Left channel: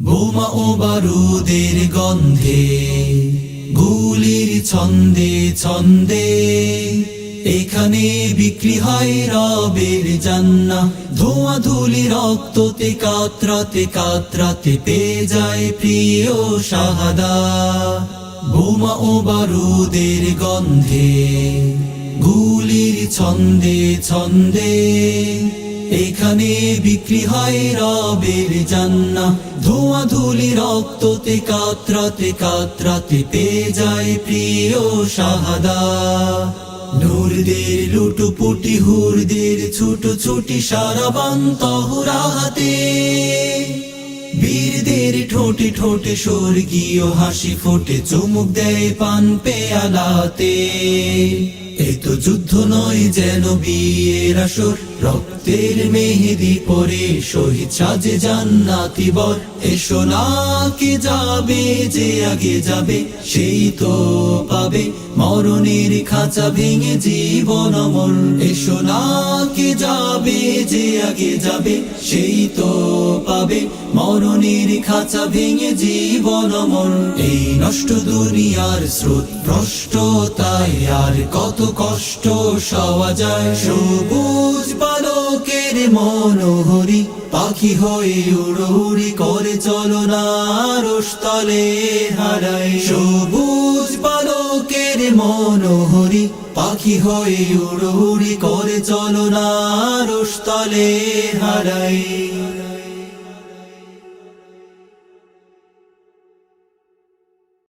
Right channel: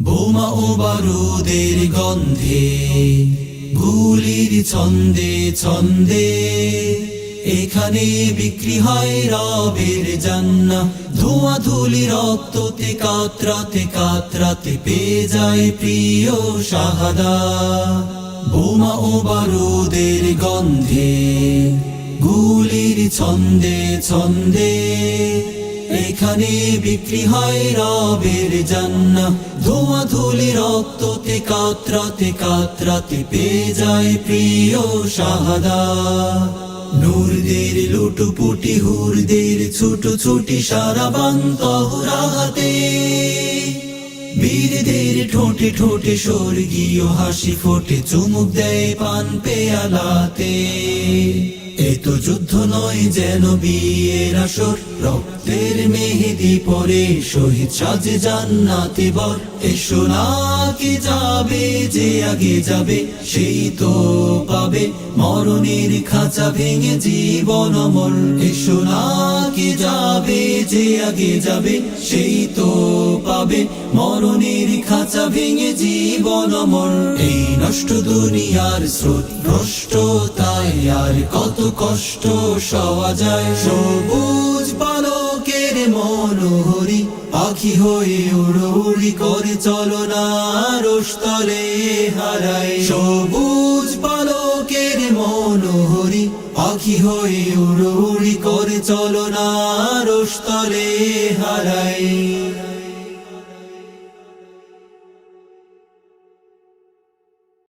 বোমা ও বারুদের গন্ধে, গুলির ছন্দে ছন্দে, এখানে বিক্রি হয় রবের জান্না। ধোঁয়া ধুলি রক্ততে কাতরাতে কাতরাতে পেয়ে যায় প্রিয় শাহাদা। বোমা ও বারুদের গন্ধে, গুলির ছন্দে ছন্দে এখানে বিক্রি হয় রবের জান্না। ধোঁয়া ধুলি রক্ততে, কাতরাতে কাতরাতে পেয়ে যায় প্রিয় শাহাদা। নূরদের লুটুপুটি, হুরদের ছুটো ছুটি সারা বান্তহরাতে বীরদের ঠোঁটে ঠোঁটে স্বর্গীয় হাসি ফোটে, চুমুক দেয় পান পেয়ালাতে। যুদ্ধ নয় যেন বিয়ের আসর রক্তের মেহেদি পরে শহীদ সাজে জান্নাতি বর। এসো যাবে, যে আগে যাবে, সেই তো পাবে। মরণের খাঁচা ভেঙে জীবন অমল এসো যাবে, যে আগে যাবে, সেই তো পাবে। মরণের খাঁচা ভেঙে জীবন এই নষ্ট দুনিয়ার স্রোত তাই আর কত কষ্ট সওয়া যায়। সবুজ বালকের মনোহরি পাখি হয়ে উড়ি করে চলো না রোস্তলে হারাই। সবুজ পালকের মনোহরি পাখি হয়ে উড়ি করে চলো না রোস্তলে হারাই।